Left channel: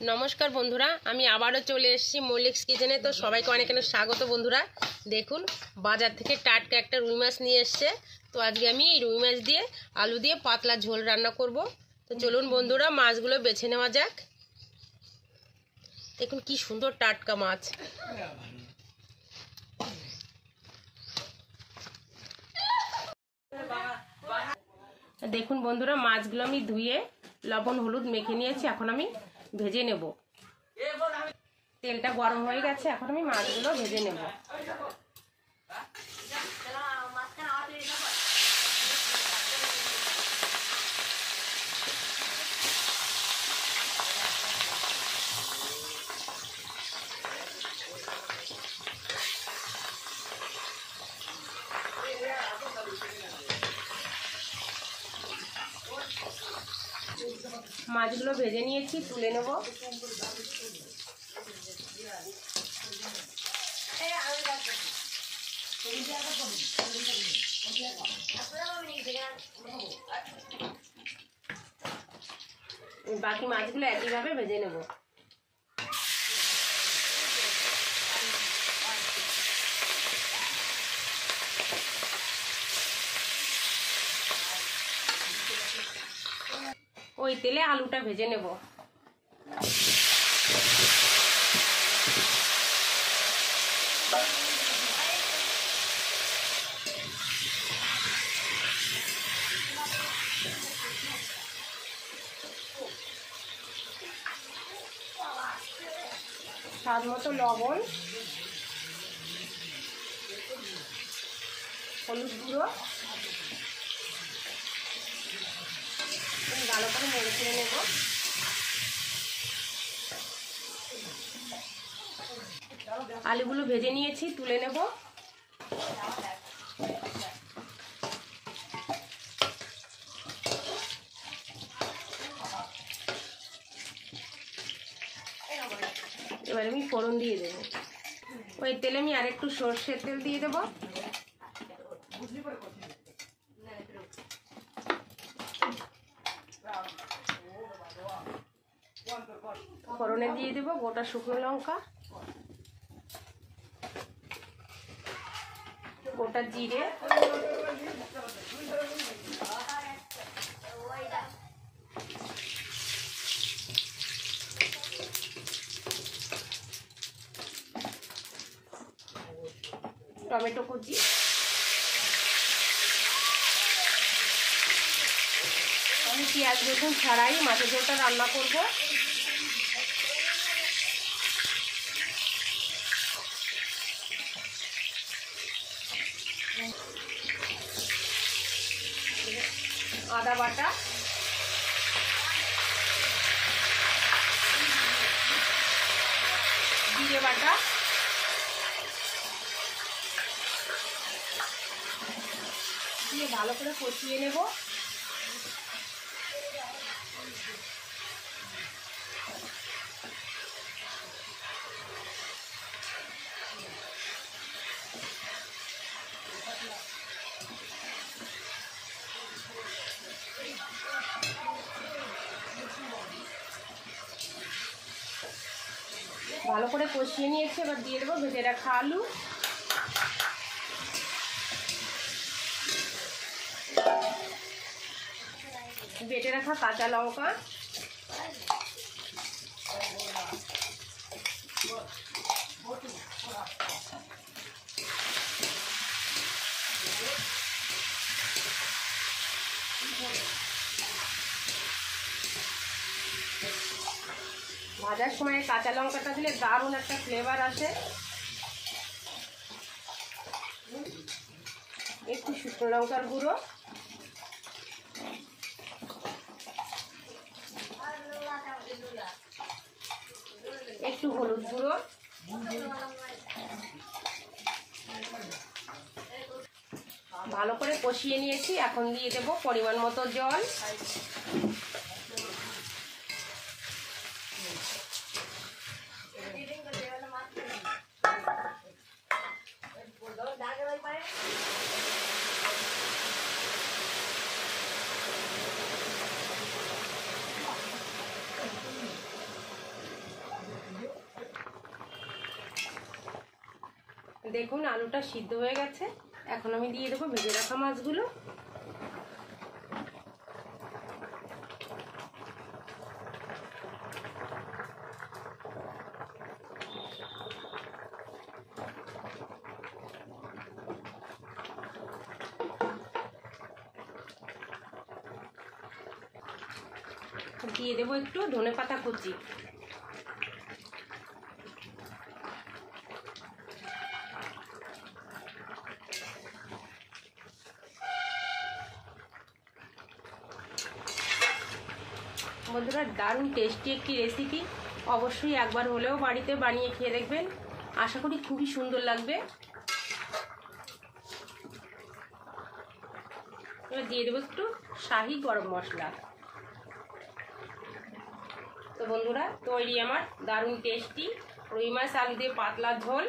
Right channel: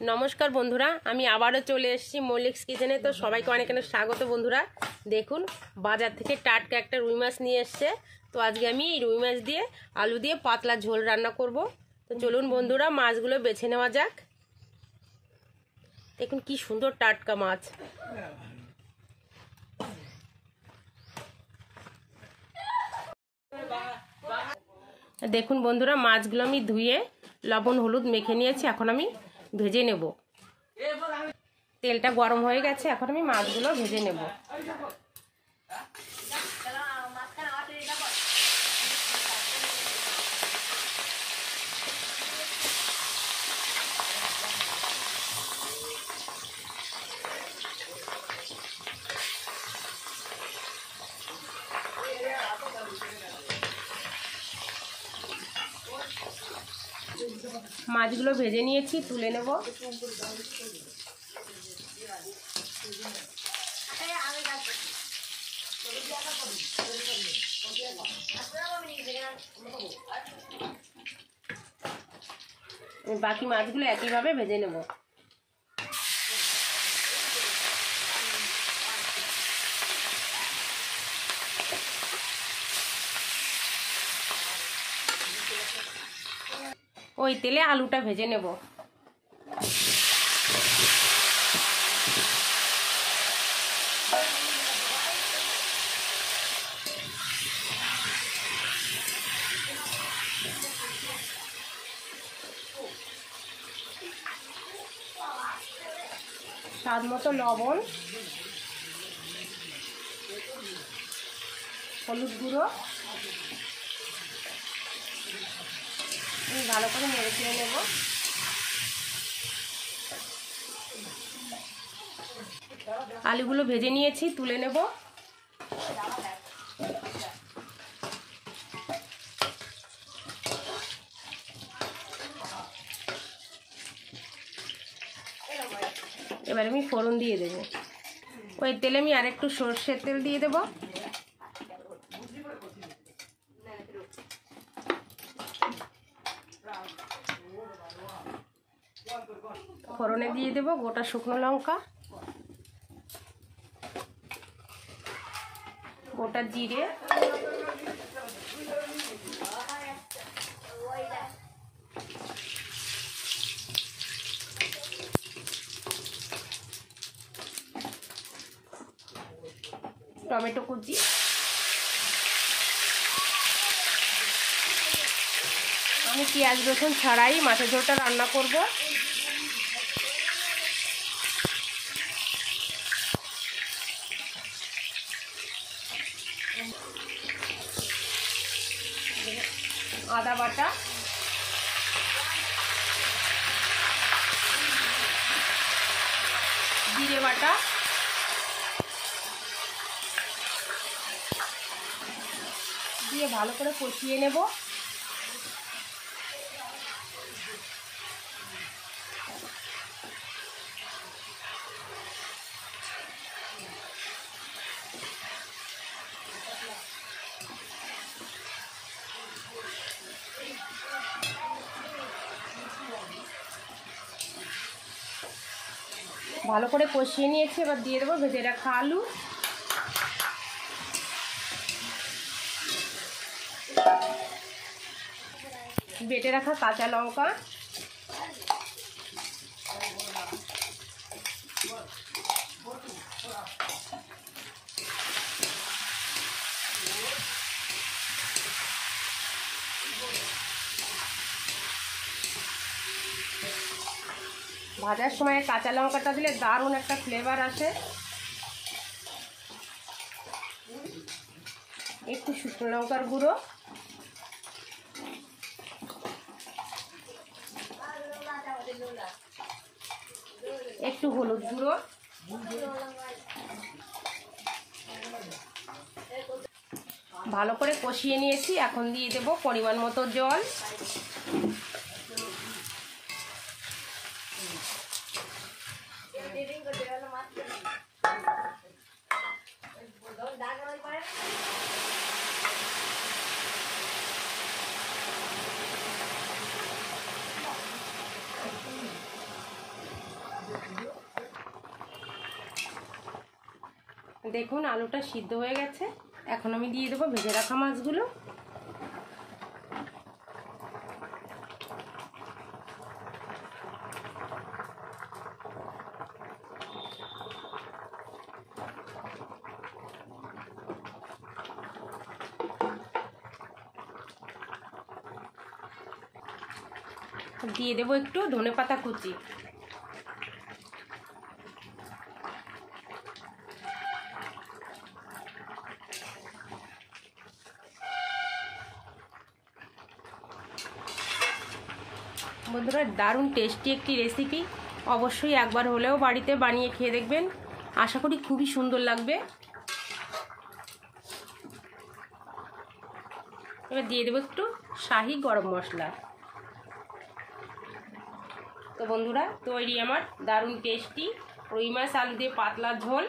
नमस्कार बंधुरा आमी आबारो चले एसेछि मल्लिक्स किचेने। तो सबाइके अनेक अनेक स्वागत बंधुरा। देखुन बाजार थेके टाटका एकटा रुई माछ निये एसेছে। तो आज के आमी এই रुई माछ दिए आलू दिए पातला झोल रान्ना करब। तो चलुन बंधुरा माछगुलो बेছে नेওয়া যাক। देखुन कि सुंदर टाटका माछ। देखुन बंधुरा माछगुलो आमी धुए लवण हलुद मेखे निয়েছি। এখন আমি ভেজে নেব। তেলটা গরম হয়ে গেছে, এখন আমি মাছগুলো ভেজে নেব। মাছগুলো ভেজে নিয়েছি, তুলে নেব। বাকি মাছগুলো একইভাবে ভেজে নেব। ওই তেলে আলুটা ভেজে নেব। স্বাদ মতো লবণ, হলুদ গুঁড়ো, ভালো করে নেড়ে চেড়ে নেব। আলুগুলো ভেজে নিয়েছি, তুলে নেব। এবার আমি ফোড়ন দিয়ে দেব। ওই তেলে আমি আরেকটু সরষের তেল দিয়ে দেব। ফোড়নে দিয়ে দেব গোটা শুকনো লঙ্কা, গোটা জিরে, টমেটো কুচি, আমি পেঁয়াজ রসুন ছাড়াই মাছের ঝোলটা রান্না করব। আদা বাটা, জিরে বাটা, দিয়ে ভালো করে কষিয়ে নেব। ভালো করে কষিয়ে নিয়েছি, এবার দিয়ে দেবো ভেজে রাখা আলু, বেটে রাখা কাঁচা লঙ্কা, ভাজার সময় কাঁচা লঙ্কাটা দিলে দারুণ একটা ফ্লেভার আসে। একটু শুকনো লঙ্কার গুঁড়ো, একটু হলুদ গুঁড়ো, ভালো করে কষিয়ে নিয়েছি। এখন দিয়ে দেব পরিমাণ মতো জল। দেখুন আলুটা সিদ্ধ হয়ে গেছে। এখন আমি দিয়ে দেবো ভেজে রাখা মাছগুলো। দিয়ে দেবো একটু ধনেপাতা কুচি। বন্ধুরা দারুণ টেস্টি একটি রেসিপি, অবশ্যই একবার হলেও বাড়িতে বানিয়ে খেয়ে দেখবেন, আশা করি খুবই সুন্দর লাগবে। এবার দিয়ে দেবো একটু শাহি গরম মশলা। তো বন্ধুরা তৈরি আমার দারুণ টেস্টি রুই মাছ আলু দিয়ে পাতলা ঝোল।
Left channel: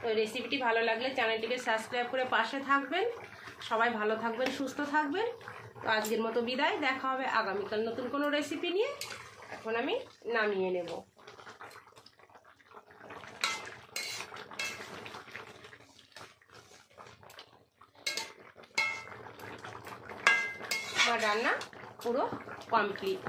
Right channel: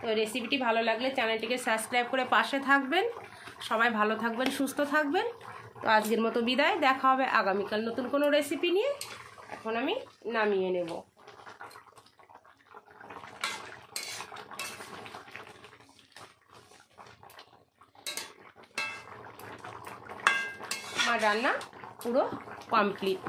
তো রেসিপিটি ভালো লাগলে চ্যানেলটিকে সাবস্ক্রাইব করে পাশে থাকবেন। সবাই ভালো থাকবেন, সুস্থ থাকবেন। তো আজকের মতো বিদায়, দেখা হবে আগামীকাল নতুন কোনো রেসিপি নিয়ে। এখন আমি নামিয়ে নেব। আমার রান্না পুরো কমপ্লিট।